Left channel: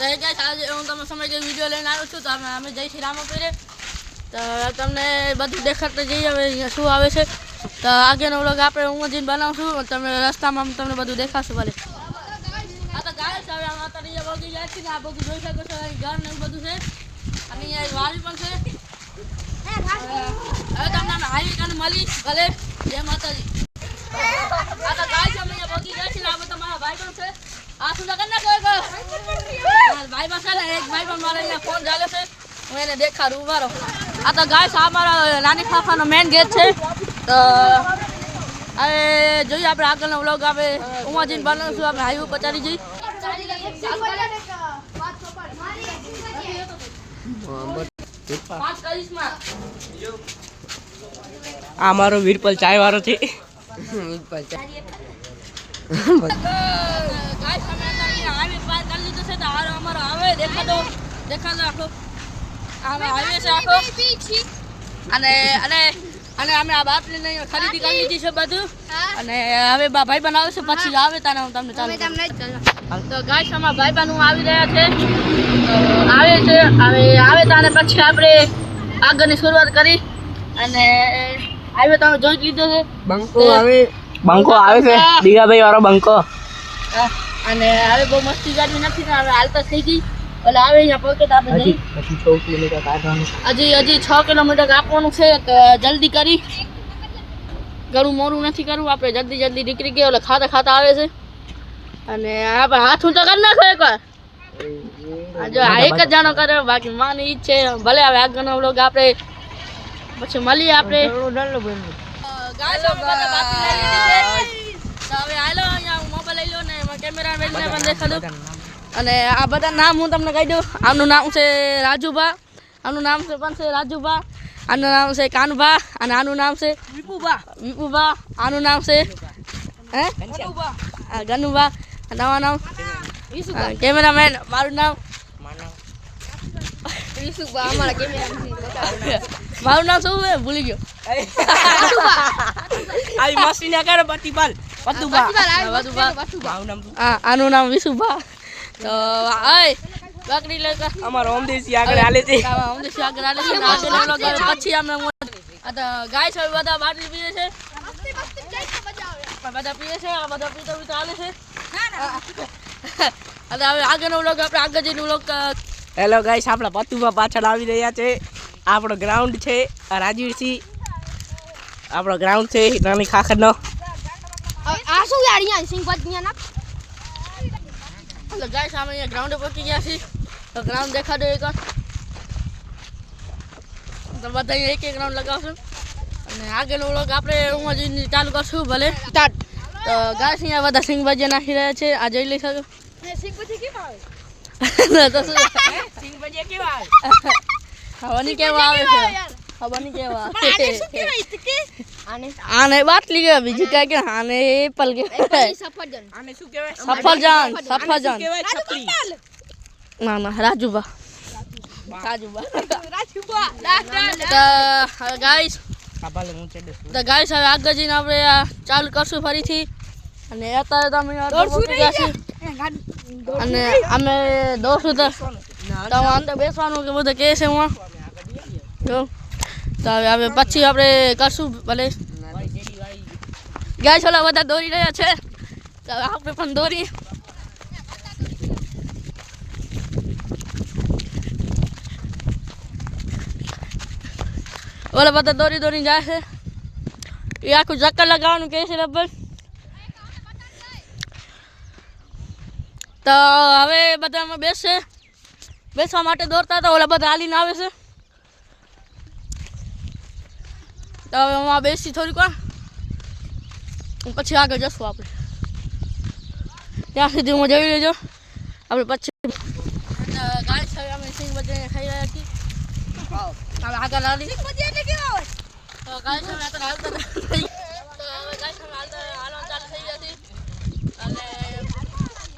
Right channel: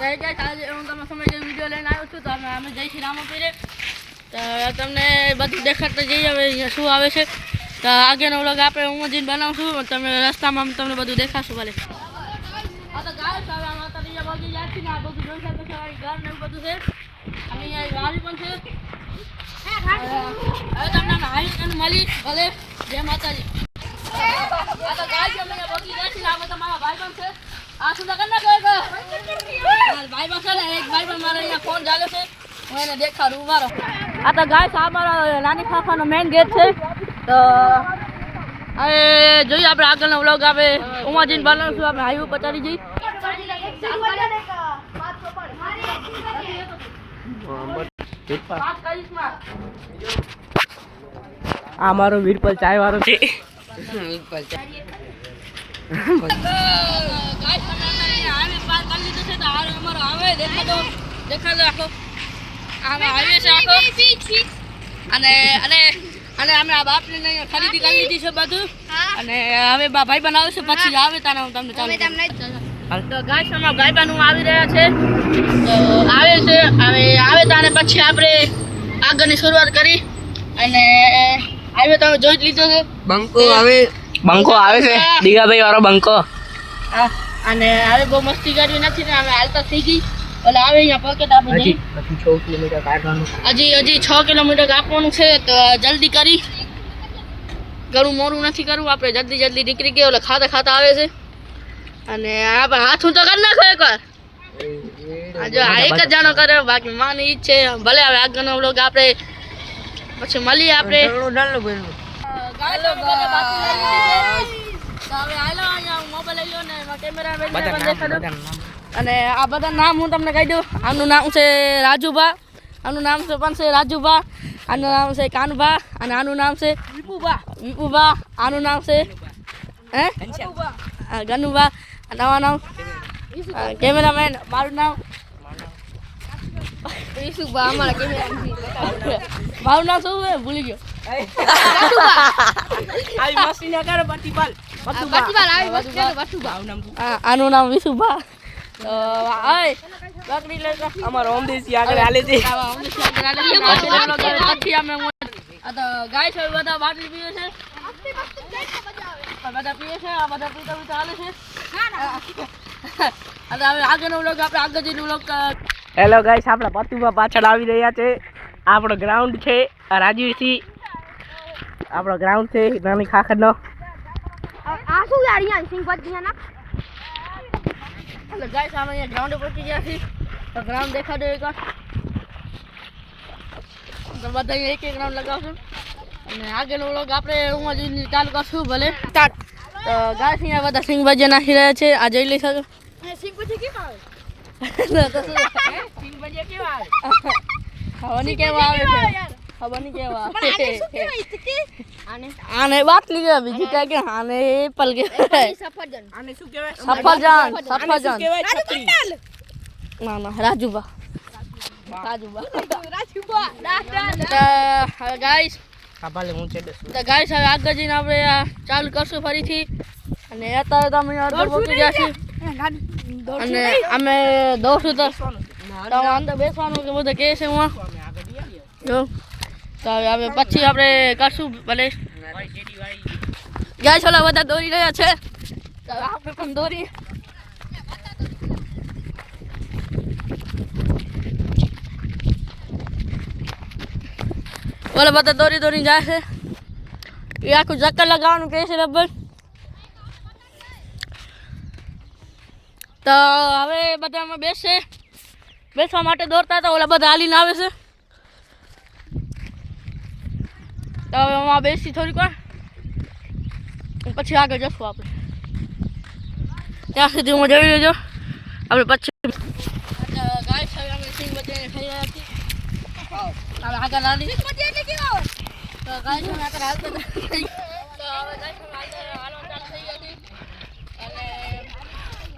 આજે હું તમને સમય વિડીયો લઈને આવ્યો છું. તો અમે જઈ છીએ રામાપીરે. તો તમને બધું દેખાડતા જઈએ હવે અહીંયા શું આવે છે. તો આગળનો વ્લોગ આપણે હું જઈને બનાવશું. તમને રસ્તામાં તમને બધું દેખાડશું. ભલે આ તો ગાય છે. હવે અત્યારે બગી જાય છે ને આ બધું જોઈ શકો છો. ઘર ને એવું બધું છે. અને અહીંયા વાડી પણ છે. હવે તમને હાઈ અને મળી ભલે જય માતાજી. આ તો ગાય છે. અહીંયા બગી જાય છે ને આ તમારા ભાઈ પણ છે. આ શું લગન ના કહે ભાઈ પાસે ને એક ભાઈ પણ મારે અહીંયા ફોન ચાલે છે. હું એને દેખાડું મારો. આ તો ગાય છે. આ મારા નાની ખાખાનો મેઇન ગેટ છે. તો હવે જોઈએ આપણે આગળનો વ્લોગ આપણે ઉમાજીને બનાવશું. આપણે હાઈવે પર ચાલી જઈએ. આ મારો વીરપલ ચાય વાળો છે. અને અમે આ બાપને ખરીદી કરી લીધી છે બધું. અને હવે ભાઈ બનાવે છે પછી આવે તાને હું તમને ચાલુ તો ગાઈસ અમારા ભાઈ બહેન આવી રહ્યા છે. આવે છે હવે આવે તાને પછી આપણે આગળની શરૂઆત કરી. અને આવે તમે જોઈ લીધો છે બંકો આવે છે દીગાભાઈ વાળો બંકો. અને હવે બહુ મસ્તી કરવી નથી ને હવે હાલતા થઈ ગઈ. એટલે આવે અહીંયા પોકેટ આપણે પછી 6 કિલોમીટર કાઢવાનું. હજી 6 કિલોમીટર કાપવાનું છે. તો જલ્દી કરી ઘણું મોડું નથી કરવું. આપણે જલ્દી નીકળી ગયો. એટલે ખાતા આવે છે. અને આપણે હાથું તો કરી નાખો એકવાર. જો એક જ જાણો કરે બાકી માની ઈજ છે. ભલે હવે આગળનો વ્લોગ આપણે પછી મળીએ. આપણે અને આ બધા નામ હું તમને કહી દઉં. આનું નામ છે રાજુભા. આનું નામ છે પણ છે રાજુભા. આનું નામ છે કાનભા. અને આનું નામ છે વિપુભા. આનું નામ છે ગનુભા. નવા નામ કેમેરામેન. મારું નામ મારું નામ શું છે ભૂલી ગયો. આનું નામ વિશુભા. તો બકરી લેતા અમારો ઓમદેશી આગળ હાલે છે. પછી અમે ગાય છે બધા બાટલી પીએ છે. બધા પીએ છે. આ બધા પીતા ચાલે છે. હવે આગળનો વ્લોગ આપણે આગળ જઈને વ્લોગ. હેલો ગાઈસ આપણા પતુભા પાછળ આવી રહ્યા છે. આપણો ગ્રાઉન્ડ છે રાજવીરસિંહ. આપણો ગ્રાઉન્ડ છે નાની ખાખરનો. એટલે ગાઈસ અમે અહીંયા ગ્રાઉન્ડે પહોંચી ગયા છીએ. તો ગ્રાઉન્ડ દેખાડો એકવાર. તો બધા અહીંયા એક ગ્રાઉન્ડ લગાવશું. અને આગળનો વ્લોગ આપણે હું હજી ચાલુ કરશું. ભલે તો ગાઈસ અહીંયા બધા સિંગ ભજીયા નાખી રહ્યા છે. આ જોઈ લઈ શકો. ખાવાની કેવા આવે છે. ખાવાની કેવા આને બાટલી કે બીજું કઈ કે આને એપલ કે સફરજન. ના રાજુભા. ગાઈસ હવે આગળ જઈને આપણે ચાલુ કરશું ફરીથી. અને અત્યારે તમે પહોંચી ગયા છીએ. અને અમે દોડશું તો અંદર બેસવાનું કે બધું કહે છે હું તો હવે પછી આપણે કરશું. ભલે ગાય છોલા બધા દોરી રહ્યા છે. તો આપણે પણ દોરી. ઓલા બધા દોરી જાય છે. એ આખું ચક્કર લગાવવાનું કહે છે લગભગ. તો હવે બધામાં બેસવા માટે દોડતા તો ઓલા બધા હાલીને આવે છે. તો હવે આમાં બેસી થોડીક વાર પછી આગળ જશું આપણે. ત્યાં સુધી હું જોઈ લેજો આપણે પછી. ગાય છે અમે સિંગ બધાને ખાઈ રહ્યા છીએ. આગળ હાલી તો ગાય છે આગળ હાલતા થઈ. તો હવે ગાય છે હાલવાનું ચાલુ થઈ ગયું છે. અને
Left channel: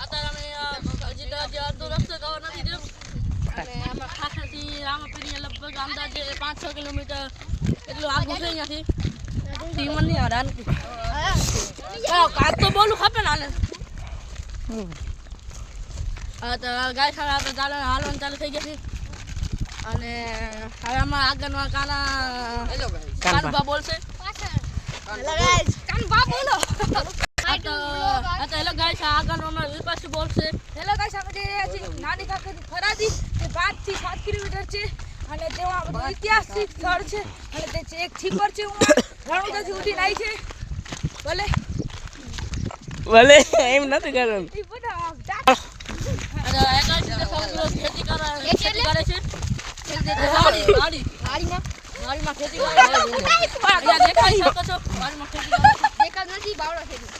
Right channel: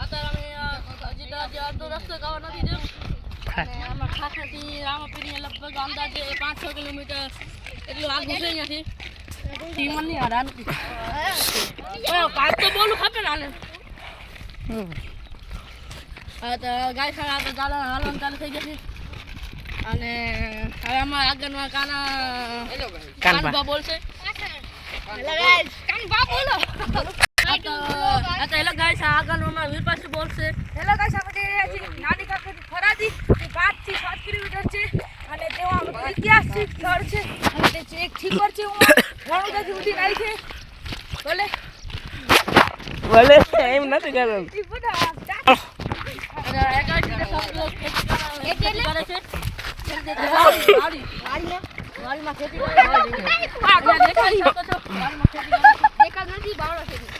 અત્યારે અમે હજી અડધો રસ્તો કવર નથી થયો. અને આમાં ખાસાથી રામાપીરની લગભગ અંદાજે 5-6 કિલોમીટર એટલું આગળ છે અહીંયાથી. ટીમન નહીં હડા નથી. કાંઈ તો બોલું ખપે ને હાલે. તો ગાય ખાવા આપણે હાલવાનું ચાલુ થઈ ગયા છે અને હવે આમાં આગળમાં કાનબા બોલશે. હેલો ગાઈસ, કાનબા બોલો. હેલો ગાઈસ, આગળમાં વિરપાસ બોલશે. હેલો ગાઈસ, આપણે જઈ રહ્યા છીએ નાની કાકાની ફરાદી જે 5 થી 7 કિલોમીટર છે અને તેમાં ઐતિહાસિક સ્થળ છે અને તે છે એક છીપર છે વણોદરાથી ઉડીને આવી છે. બોલે ભલે એમ નથી કરવાનું. ઈ બધા અને એકાંશી જે ખેતી કરે છે. વાડીમાં ખેતી કરે છે. દેખાય શકો છો, વાડીમાં ખેતી કરે છે. દેખાડ નથી બાવળો ખેતી